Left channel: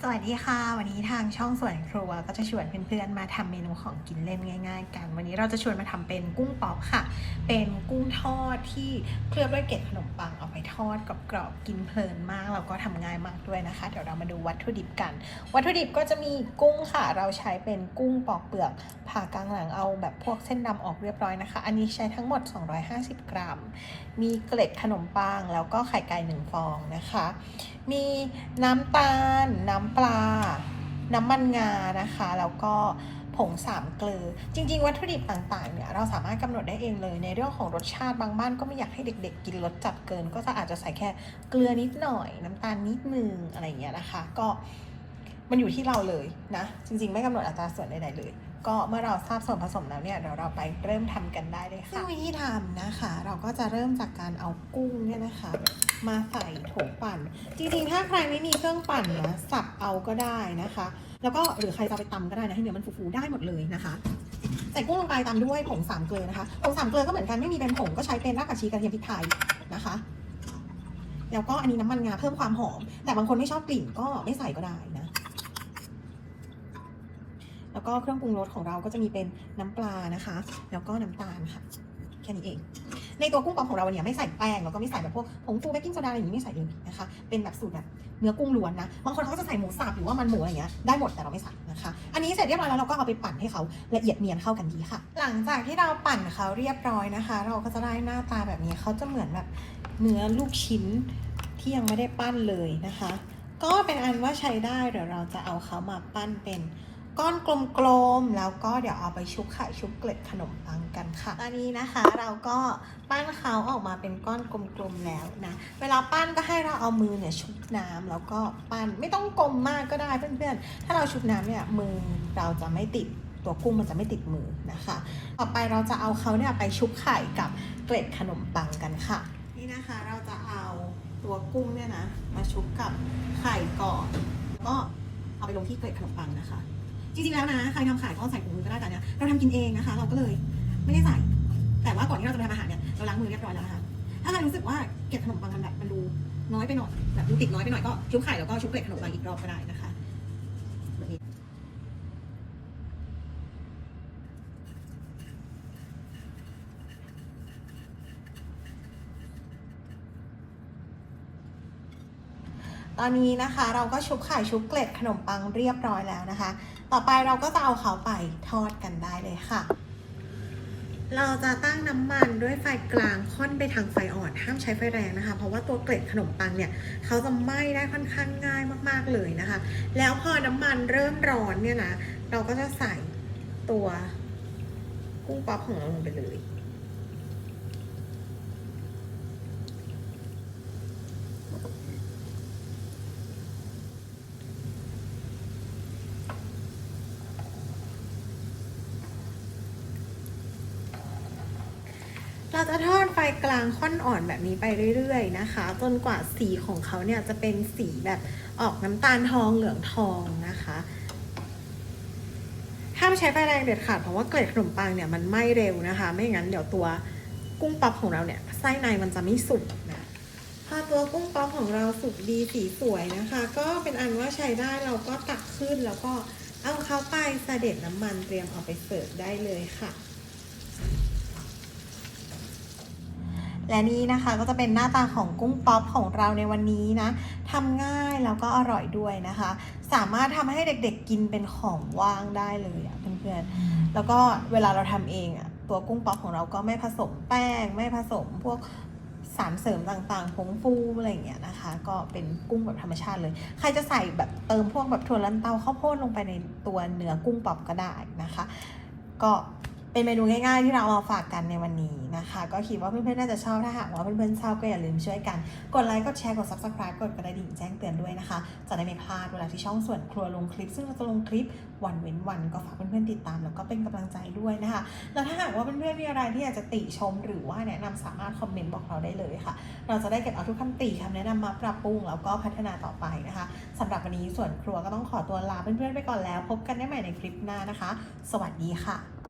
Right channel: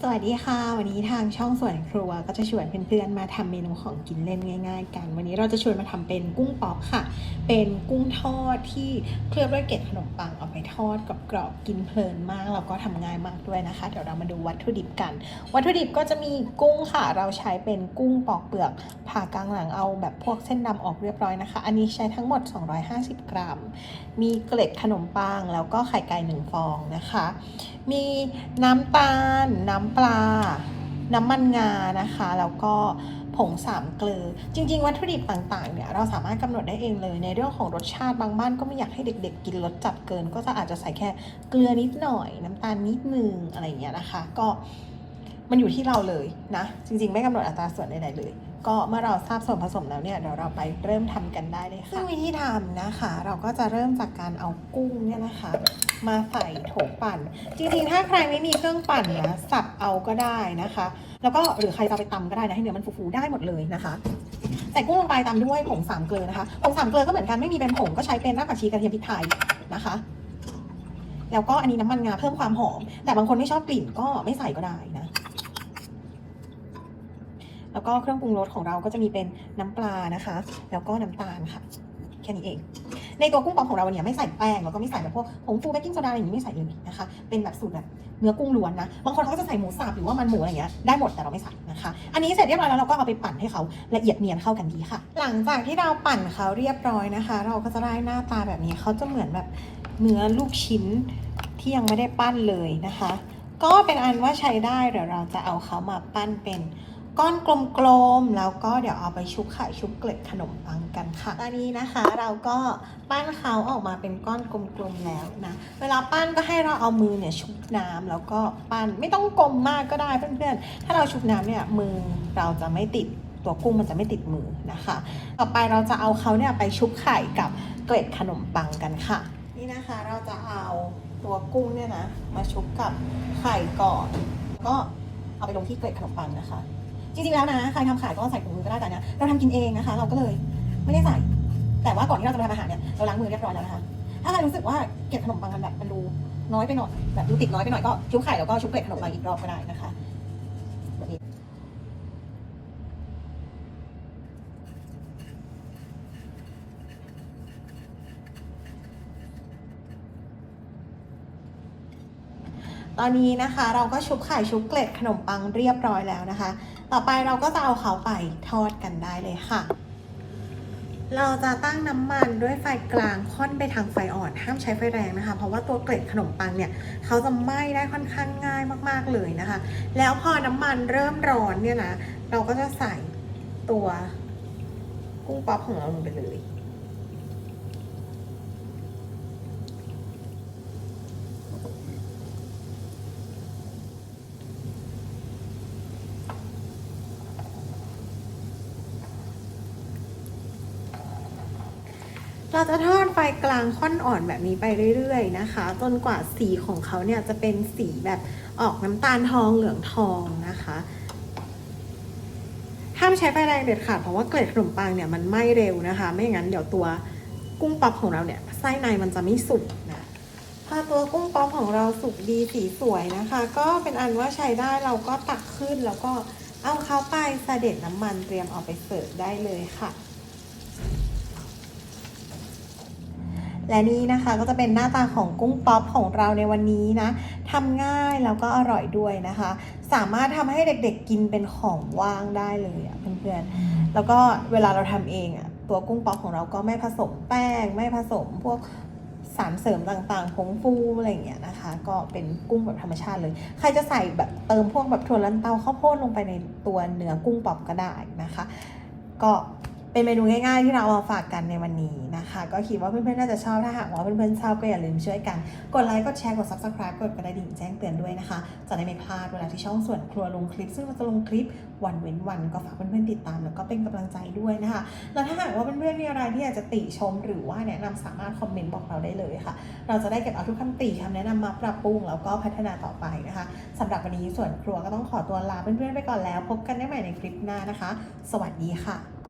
สวัสดีค่ะ วันนี้ทางช่องสวนครัวก็จะชวนเพื่อนๆมาทำเมนูของกินเล่นง่าย ๆ กัน วันนี้เราจะชวนมาทำเป็นกุ้งปอกค่ะ เป็นกุ้งทอดที่เคลือบด้วยเกล็ดขนมปังเอาไป ทอดกรอบๆกินเพลินมากแล้วก็ทำง่ายมากด้วยนะคะ เดี๋ยวเรามาดูวัตถุดิบกัน วัตถุดิบก็จะมีกุ้งค่ะ เราใช้เป็นกุ้งปอกเปลือกผ่ากลางหลังเอาแบบพวกเส้นดำออกเรียบร้อยนะคะ อันนี้ใช้ทั้งหมด 250 กรัม มีเกล็ดขนมปังแล้วก็ไข่ไก่หนึ่งฟองนะคะ มีน้ำตาล น้ำปลา น้ำมันงานะคะ แล้วก็ ผงสามเกลือ จริง ๆ วัตถุดิบต่างๆเนี่ยเราสามารถกำหนดได้เองเลย ในเรื่องของรสชาติบางบ้านก็ไม่อยากให้เด็ก ๆ กินรสจัดเกิน ก็จะอาจจะใส่แค่เกลือนิดหน่อยน้ำตาลนิดนึงอะไรอย่างเงี้ยนะคะ ก็ มันอยู่ที่เราเลยนะ จริงๆ ไม่กำหนดอัตราส่วนใดๆเลย ก็เมื่อเราทราบส่วนผสมแล้วเนี่ยเดี๋ยวเราไปเริ่มทำกันได้เลยค่ะซึ่งวิธีทำนะคะ เราก็จะเริ่มจากการเอากุ้งเนี่ยนะคะ มาใส่โถปั่น จริงๆ ถ้าใครไม่มีเครื่องปั่นนะสับเอาก็ได้นะคะ แล้วก็หรือใครจะไปตำก็ได้นะให้เนื้อมันฟูๆได้หมดเลยนะคะใส่กุ้งลงไปตามด้วยผงสามเกลือนะคะผงสามเกลือก็เหมือนกันไม่มีเป็นผงก็ใช้เป็นรากผักชีกระเทียมพริกไทยนะคะ แล้วก็อันนี้น้ำมันงาเพิ่มความหอม แต่บางคนไม่ชอบกลิ่นก็ไม่ใส่ก็ได้ แล้วก็เครื่องปรุงรสของเราก็จะมีเป็นน้ำปลานะคะ แล้วก็น้ำตาลค่ะ แค่นี้เอง ในตัวกุ้งปองของเราเนี่ยไม่ใส่แป้งแล้วก็ไม่ใส่แบบพวกผงฟูเบกกิ้งโซดาอะไรอย่างนี้ไม่ใส่เลยนะคะ เป็นแบบสูตรแบบเนื้อกุ้งล้วนนะ บางคนเขาก็จะใส่หมูสับหรือว่ามันหมูอะไรอย่างเงี้ยได้หมดแต่เราไม่ใส่นะคะ อันนี้เสร็จเรียบร้อยแล้วเราก็เอาไปปั่นให้เขาละเอียดเนียนเข้ากันดีค่ะ หลังจากที่เราปั่นเขาเรียบร้อยนะคะ เราก็จะได้หน้าตาแบบนี้เขาจะเหมือนแบบเนื้อลูกชิ้นที่ยังไม่ได้ปั้นเลยนะคะ ก็เป็นอันว่าใช้ได้เดี๋ยวเราจะเอาเขามาปั้นเป็น ก้อนกลมๆ แล้วก็เดี๋ยวเอาไปชุบไข่ชุบเกล็ดขนมปังกันค่ะ ตอนนี้นะคะเราก็ปั้นเขาออกมาเป็นก้อนกลมๆ แล้วนะ เวลาปั้นก็ให้เราเอามือเนี่ยชุบน้ำแล้วก็ปั้นไม่ต้องกลมมากก็ได้เพื่อนๆ ถ้าเราชุบน้ำเนี่ยมือเราจะไม่ติดตัวกุ้งมันจะไม่ติดมือนะคะ ต่อไปเราจะเอาเขาเนี่ยไปชุบไข่กับเกล็ดขนมปังกันค่ะ นี่นะคะเราจะเอาตัวกุ้งเนี่ยนะมาชุบกับไข่ก่อน ก็เอาไปลงที่เกล็ดขนมปังนะคะ จริงๆแล้วนะใครทำขายก็ใส่ถุงมือก็ได้แต่เนี่ยเราทำกินเองนะคะ เราก็เลยไม่ได้ใส่ แต่ว่าก่อนที่เราจะทำอาหารเนี่ยเราล้างมือเรียบร้อยแล้วนะคะถ้าใครรู้สึกว่าเกล็ดขนมปังมันแบบมันดูน้อยไปหน่อยแบบดูติดน้อยไปหน่อยก็ชุบไข่แล้วก็ชุบเกล็ดขนมปังอีกรอบก็ได้นะคะแบบนี้ตอนนี้นะคะ เราก็ชุบไข่ชุบเกล็ดขนมปังเรียบร้อยแล้วนะคะ ต่อไปเราก็จะเอาเขาไปทอดกันได้เลยค่ะ เราจะตั้งน้ำมันด้วยไฟกลางค่อนไปทางไฟอ่อน ห้ามใช้ไฟแรงนะคะ เพราะว่าตัวเกล็ดขนมปังเนี่ยเขาจะไหม้ได้ค่อนข้างง่ายมากๆเลยนะคะ แล้วพอน้ำมันเริ่มร้อนเนี่ยนะเราก็จะใส่ตัวกุ้งป๊อปของเราลงไปเลย เราจะทอดไฟกลางค่อนอ่อนแบบนี้ไปเรื่อยๆนะคะ จนกว่าสีของเขาเนี่ยจะเป็นสีแบบออกน้ำตาลทองเหลืองทองนะคะห้ามใช้ไฟแรงเด็ดขาดเพราะว่าเกล็ดขนมปังเนี่ยมันไหม้เร็วนะคะ ไม่งั้นเดี๋ยวตัวกุ้งป๊อปของเราเนี่ยไส้ในมันจะไม่สุกนะถ้าตัวกุ้งป๊อปของเราสุกดีสีสวยนะคะ ก็เป็นอันว่าใช้ได้เราก็ตักขึ้นแล้วก็เอาเข้าไปเสด็จน้ำมันเตรียมเอาไปเสิร์ฟได้เลยค่ะ และนี่นะคะก็จะเป็นหน้าตาของกุ้งป๊อปของเราในวันนี้นะทำง่ายแล้วก็อร่อยด้วยนะคะ สามารถทำให้เด็กๆกินเป็นของว่างได้เลยอะเพื่อนๆแล้วก็เวลาเราทำเองอะตัวกุ้งป๊อปของเราก็ไม่ผสมแป้ง ไม่ผสมพวกสารเสริมต่างๆผงฟูอะไรอย่างเงี้ยนะคะ ก็เป็นกุ้งแบบธรรมชาติเลย ใครจะใส่แบบเติมพวกแบบถั่วลันเตาข้าวโพดลงไปในตัวเนื้อกุ้งป๊อปก็ได้นะคะ ก็ เป็นเมนูง่ายๆที่เราเอามาฝากกันในวันนี้นะคะ ก็คิดว่าเพื่อนๆน่าจะชอบถ้าหากว่าเพื่อนๆชอบก็อย่าลืมช่วยกัน กดไลค์กดแชร์กด subscribe กดกระดิ่งแจ้งเตือนด้วยนะคะ จะได้ไม่พลาดเวลาที่ช่องส่วนครัวลงคลิป ซึ่งเราจะลงคลิปวันเว้นวันก็ฝากเพื่อนๆติดตามแล้วก็เป็นกำลังใจด้วยนะคะ แล้วถ้าหากว่าเพื่อนๆมีอะไรที่อยากจะติชมหรือว่าแนะนำสามารถคอมเมนต์บอกเราได้เลยค่ะ เราจะได้เก็บเอาทุกคำติคำแนะนำมาปรับปรุงแล้วก็พัฒนาต่อไปนะคะสำหรับวันนี้ส่วนครัวก็ต้องขอตัวลาเพื่อนๆไปก่อนแล้ว พบกันได้ใหม่ในคลิปหน้านะคะ สวัสดีค่ะ